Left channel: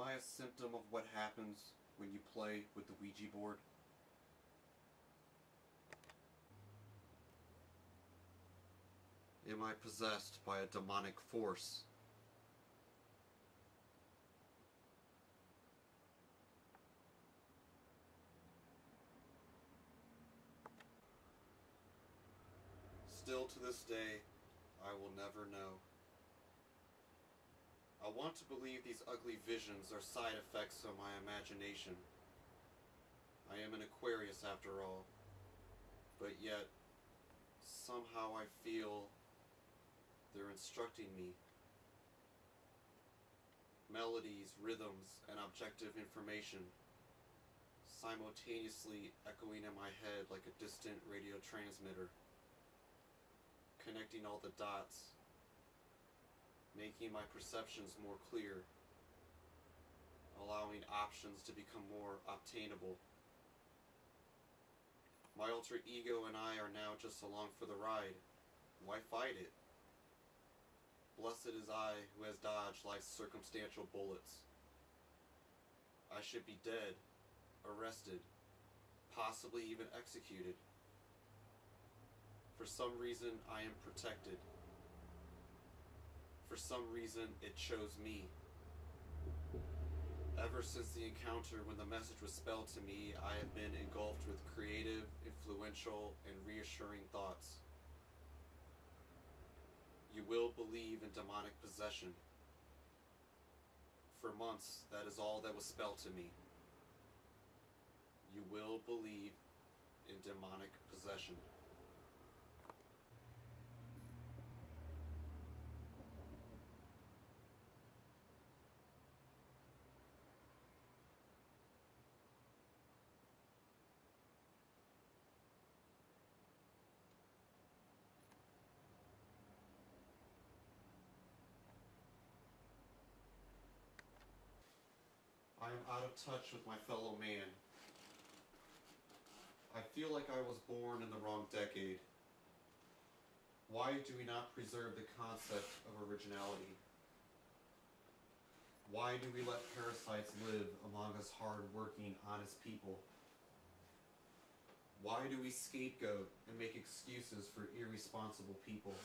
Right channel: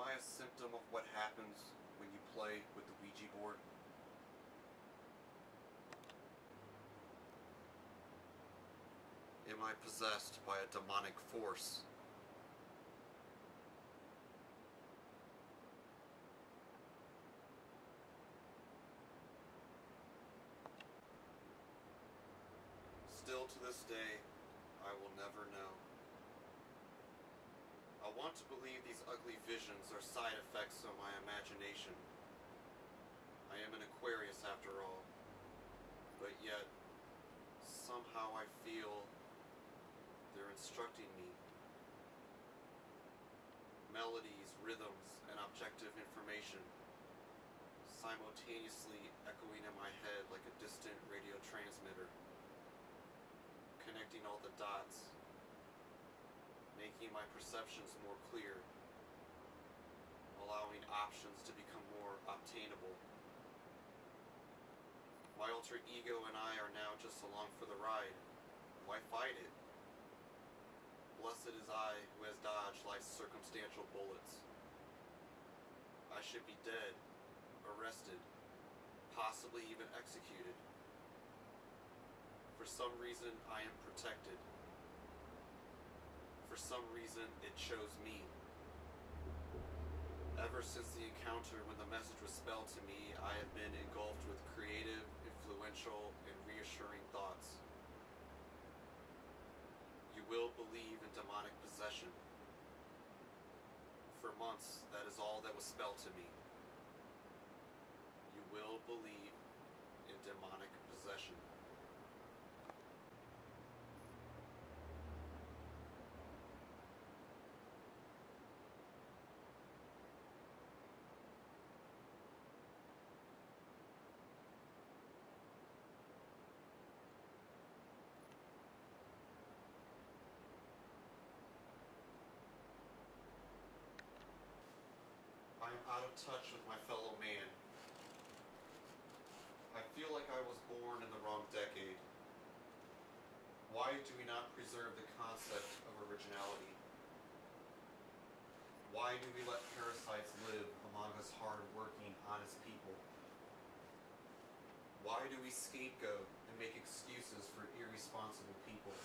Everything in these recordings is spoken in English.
Am I a symptom of what happens when you play with the Ouija board? Am I possessed by a demonic force? Still to this day, I will never know. I want to believe these ugly visions are side effects of my imagination. I am an Aquarius after all, but yet, somehow I feel they're instructing me. Melodies, rhythms, and objective information simultaneously echoing in my head like a distant radio transmitter, connecting all the dots, making my perceptions more clear, allowing options to become more obtainable. My alter ego and I are now just along for the ride. Why fight it? Blessed is I who has dodged life's circumstantial bullets. I should be dead, arrested, possibly even executed. For some reason, I am protected. For some reason, it chose me. Ever since the encounter when the message was spelled to me, I have been engulfed with creative, influential, and reassuring thoughts. You will believe in demonic possession. For months, that is all that was spelled to me. You will believe in demonic possession. I am out of touch with my fellow man. I feel like I was born in the wrong decade. Why do we not preserve the concept of originality? Why do we let parasites live among us hard-working, honest people? Why do we scapegoat and make excuses for irresponsible people?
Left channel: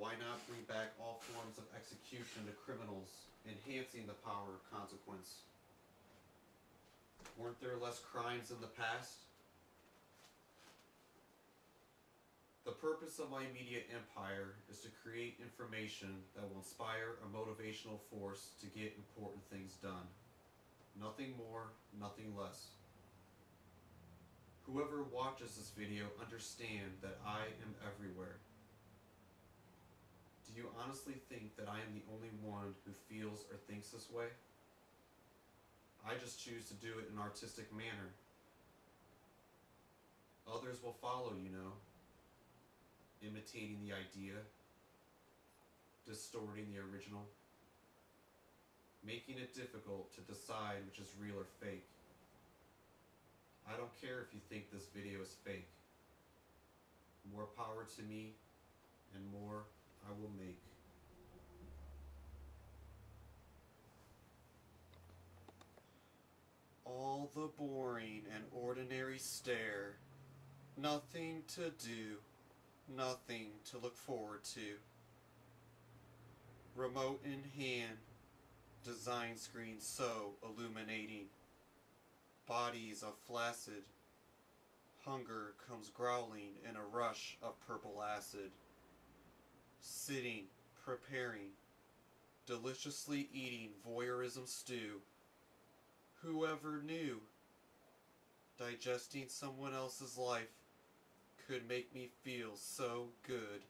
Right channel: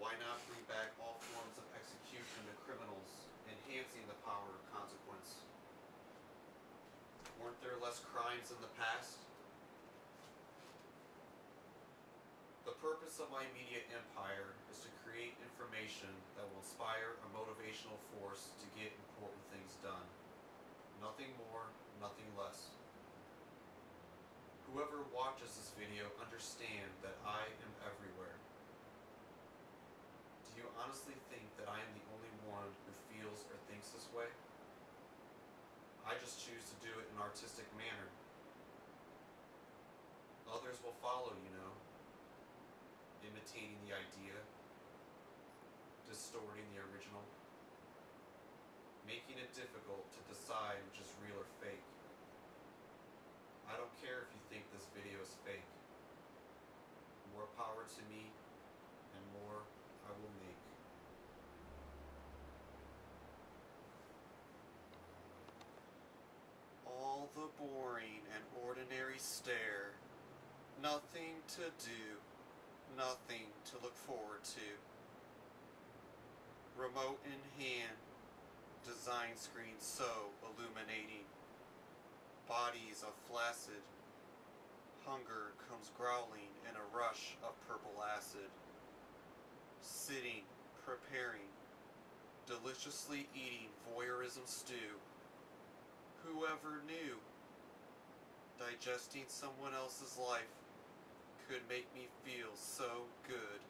Why not bring back all forms of execution to criminals, enhancing the power of consequence? Weren't there less crimes in the past? The purpose of my media empire is to create information that will inspire a motivational force to get important things done. Nothing more, nothing less. Whoever watches this video understand that I am everywhere. Do you honestly think that I am the only one who feels or thinks this way? I just choose to do it in an artistic manner. Others will follow, you know, imitating the idea, distorting the original, making it difficult to decide which is real or fake. I don't care if you think this video is fake. More power to me, and more I will make. All the boring and ordinary stare. Nothing to do. Nothing to look forward to. Remote in hand. Design screen so illuminating. Bodies of flaccid. Hunger comes growling in a rush of purple acid. Sitting, preparing, deliciously eating voyeurism stew. Whoever knew digesting someone else's life could make me feel so good.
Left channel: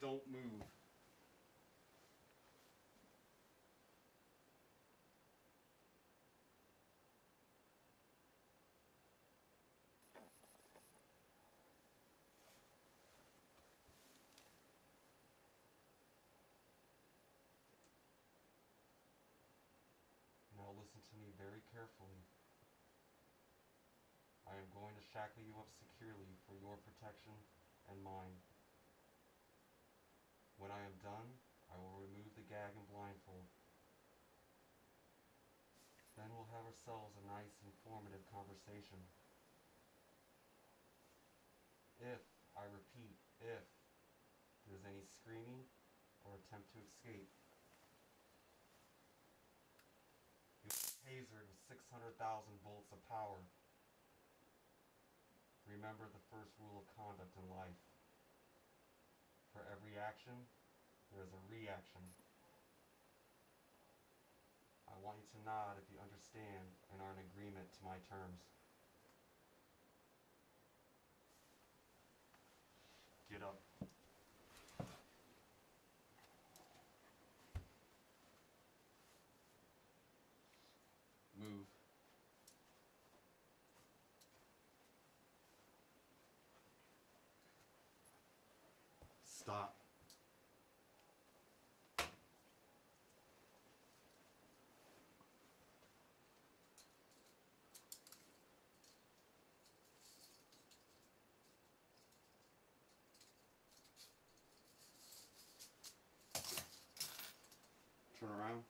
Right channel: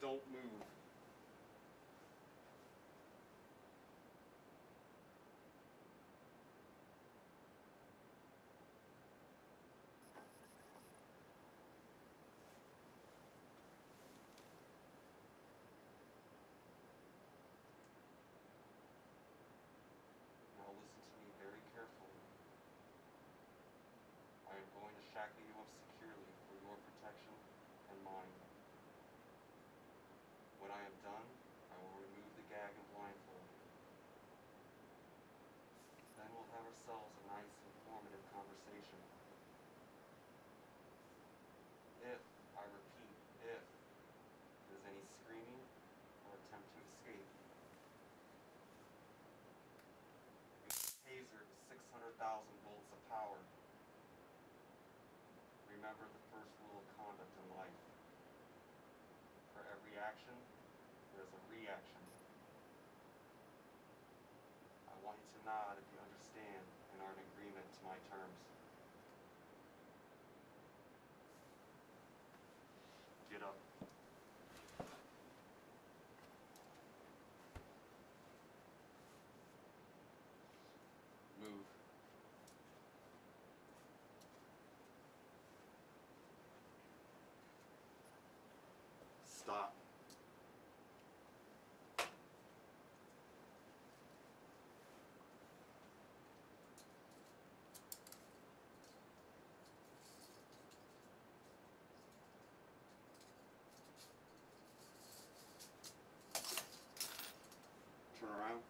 Don't move. securely for your protection and mine. When I am done, I will remove the gag and blindfold. Then we'll have ourselves a nice, informative conversation. If, I repeat, if there's any screaming or attempt to escape, you'll be tasered with 600,000 volts of power. Remember the first rule of conduct in life. For every action, there is a reaction. I want you to nod if you understand and are in agreement to my terms. Get up. Move. Stop. Turn around.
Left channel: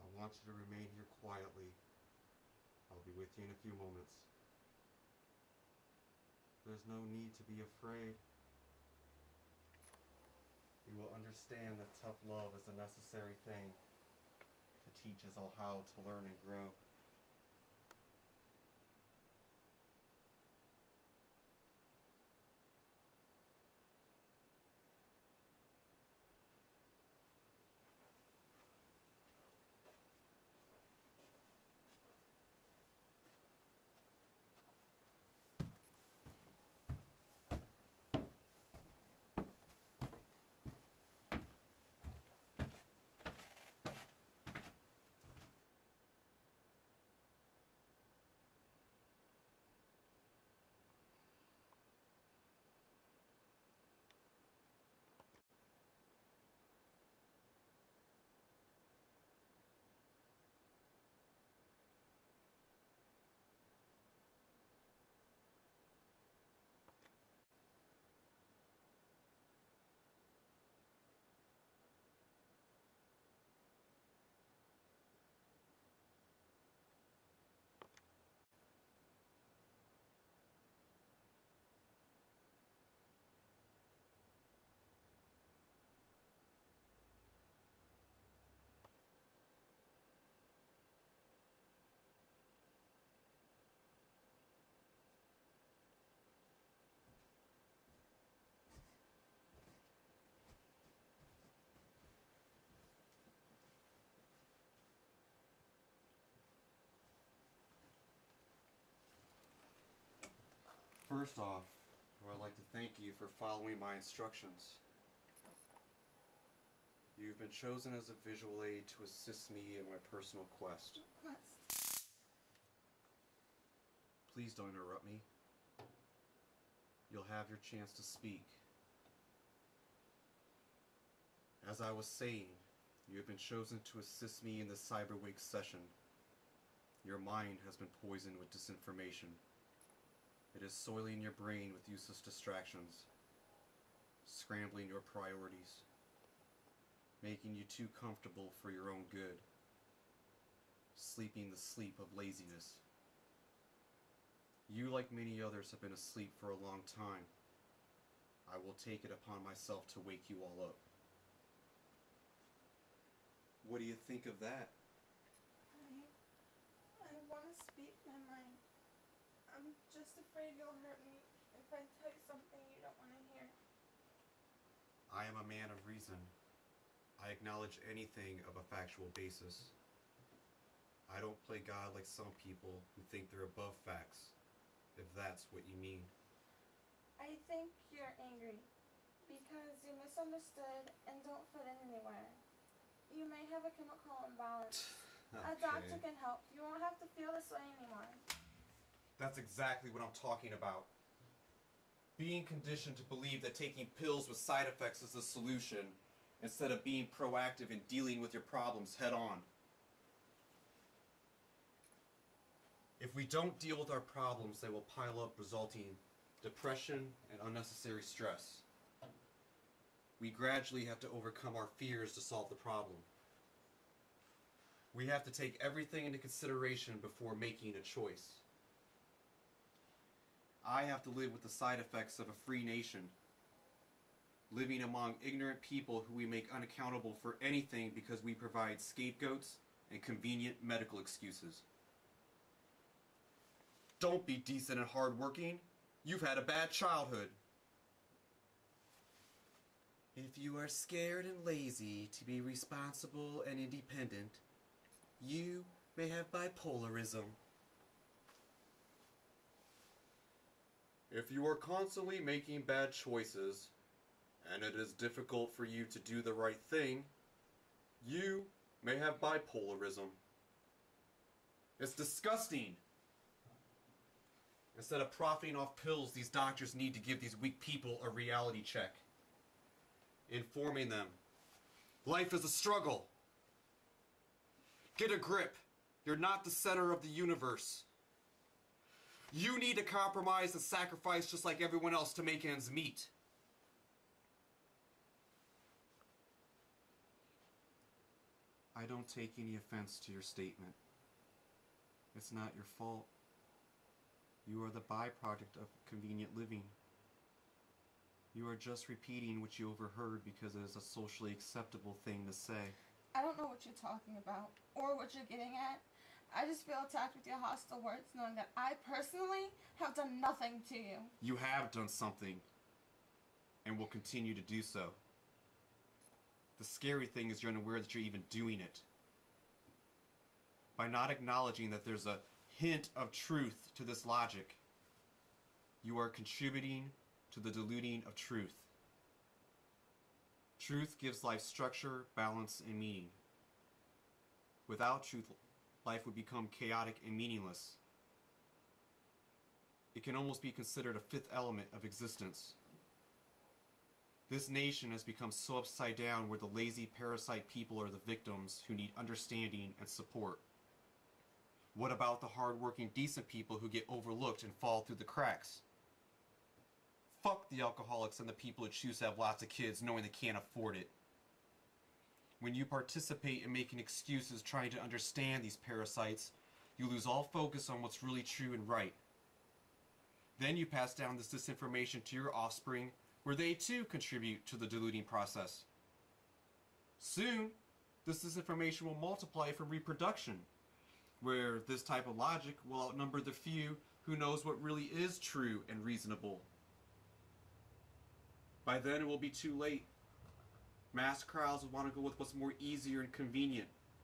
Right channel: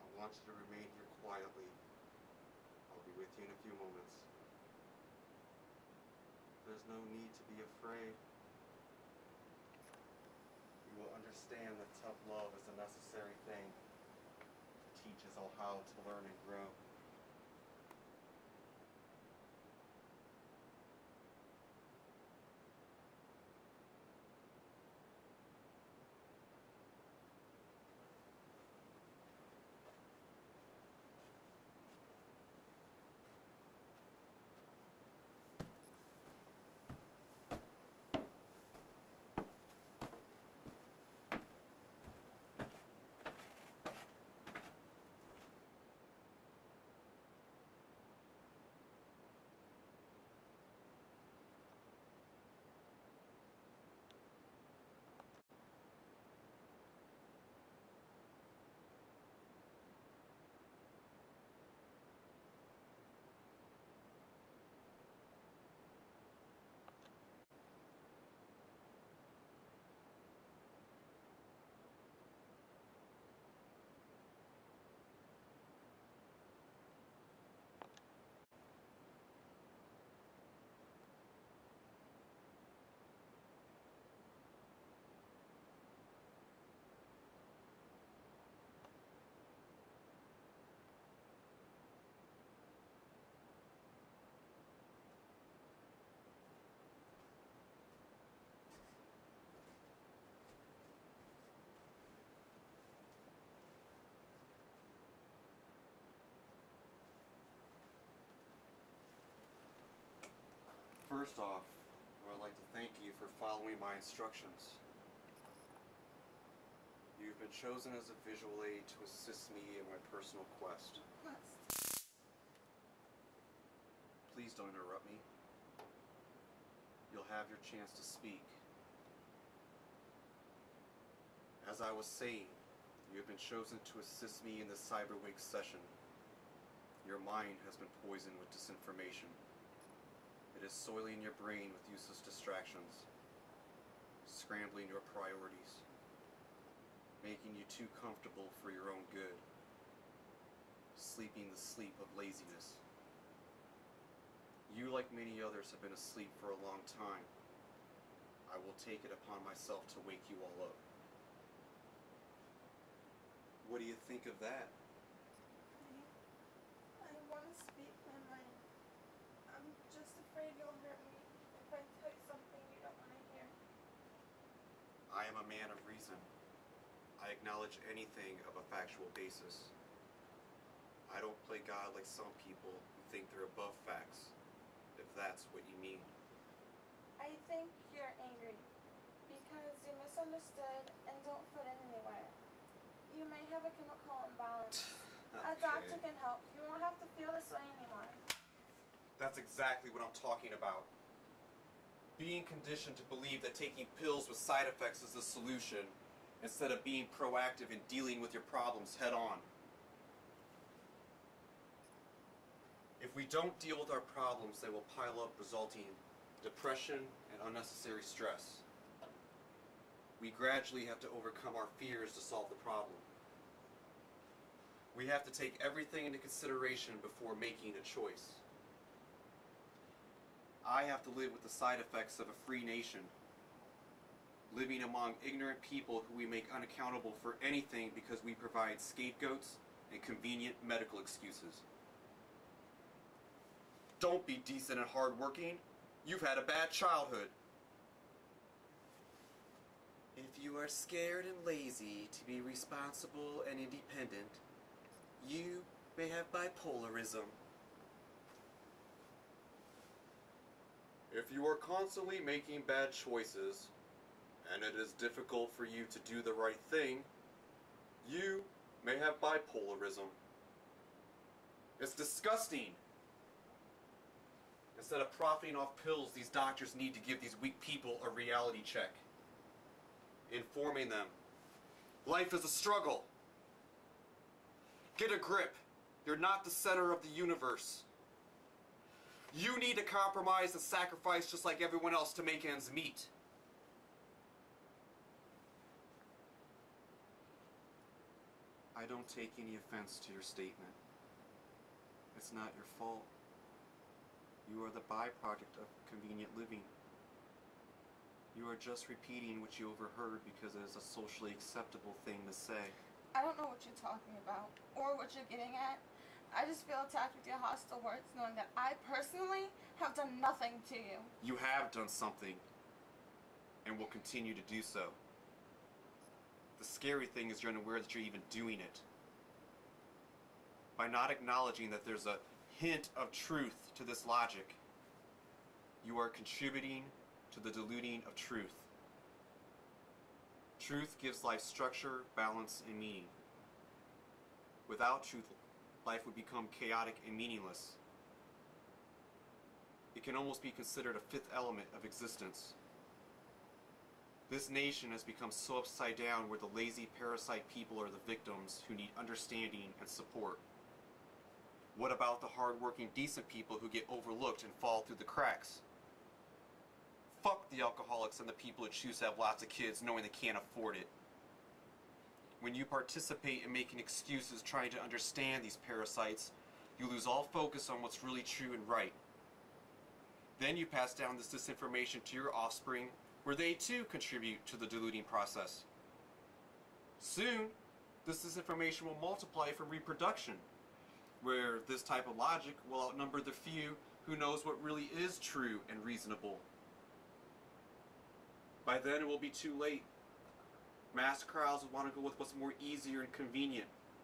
I want you to remain here quietly. I'll be with you in a few moments. There's no need to be afraid. You will understand that tough love is a necessary thing to teach us all how to learn and grow. First off, I would like to thank you for following my instructions. You've been chosen as a visual aid to assist me in my personal quest. Please don't interrupt me. You'll have your chance to speak. As I was saying, you have been chosen to assist me in the Cyberwake session. Your mind has been poisoned with disinformation. It is soiling your brain with useless distractions. scrambling your priorities, making you too comfortable for your own good, sleeping the sleep of laziness. You, like many others, have been asleep for a long time. I will take it upon myself to wake you all up. What do you think of that? I want to speak my mind. I'm just afraid you'll hurt me if I tell you something you don't want to hear. I am a man of reason. I acknowledge anything of a factual basis. I don't play God like some people who think they're above facts, if that's what you mean. I think you're angry because you misunderstood and don't fit in anywhere. You may have a chemical imbalance. A doctor can help. You won't have to feel this way anymore. That's exactly what I'm talking about. Being conditioned to believe that taking pills with side effects is the solution, instead of being proactive in dealing with your problems head on. If we don't deal with our problems, they will pile up, resulting in depression and unnecessary stress. We gradually have to overcome our fears to solve the problem. We have to take everything into consideration before making a choice. I have to live with the side effects of a free nation, living among ignorant people who we make unaccountable for anything because we provide scapegoats and convenient medical excuses. Don't be decent and hardworking. You've had a bad childhood. If you are scared and lazy to be responsible and independent, you may have bipolarism. If you are constantly making bad choices, and it is difficult for you to do the right thing, you may have bipolarism. It's disgusting. Instead of profiting off pills, these doctors need to give these weak people a reality check, informing them life is a struggle. Get a grip. You're not the center of the universe. You need to compromise and sacrifice just like everyone else to make ends meet. I don't take any offense to your statement. It's not your fault. You are the byproduct of convenient living. You are just repeating what you overheard because it is a socially acceptable thing to say. I don't know what you're talking about or what you're getting at. I just feel attacked with your hostile words knowing that I personally have done nothing to you. You have done something and will continue to do so. The scary thing is you're unaware that you're even doing it. By not acknowledging that there's a hint of truth to this logic, you are contributing to the diluting of truth. Truth gives life structure, balance, and meaning. Without truth, life would become chaotic and meaningless. It can almost be considered a fifth element of existence. This nation has become so upside down where the lazy parasite people are the victims who need understanding and support. What about the hardworking, decent people who get overlooked and fall through the cracks? Fuck the alcoholics and the people who choose to have lots of kids knowing they can't afford it. When you participate in making excuses trying to understand these parasites, you lose all focus on what's really true and right. Then you pass down this disinformation to your offspring, where they too contribute to the diluting process. Soon, this disinformation will multiply from reproduction, where this type of logic will outnumber the few who knows what really is true and reasonable. By then it will be too late. Mass crowds will want to go with what's more easier and convenient,